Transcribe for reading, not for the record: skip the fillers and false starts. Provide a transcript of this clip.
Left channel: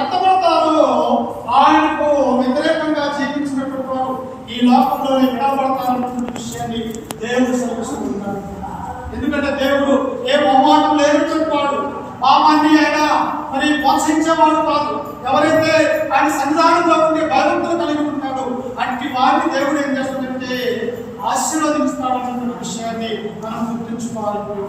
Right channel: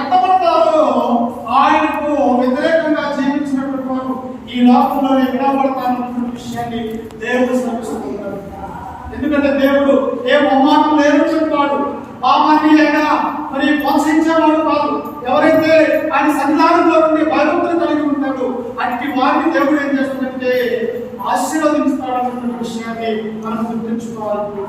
ఎత్తబడతారో ఆయనకు వ్యతిరేకంగా జీవించినటువంటి వారు ఈ లోకంలో విడబడతారన్న విషయాన్ని దేవుడు శ్రమిస్తున్నాడు. ఎందుకంటే దేవుడు ఏ అవమానం లేని చెప్పాడు. పాపాన్ని అయినా మరి ప్రోత్సహించేవాడు కాదు. ఎవరైతే ఆయన సన్నిధానంలో ఉండి భయభక్తులు కలిగి ఉంటాడు అట్టి వారిని దేవుడు ఏం చేస్తాడంటే ఆశీర్వదిస్తాడన్న విషయాన్ని మనం గుర్తుంచుకోవాలి.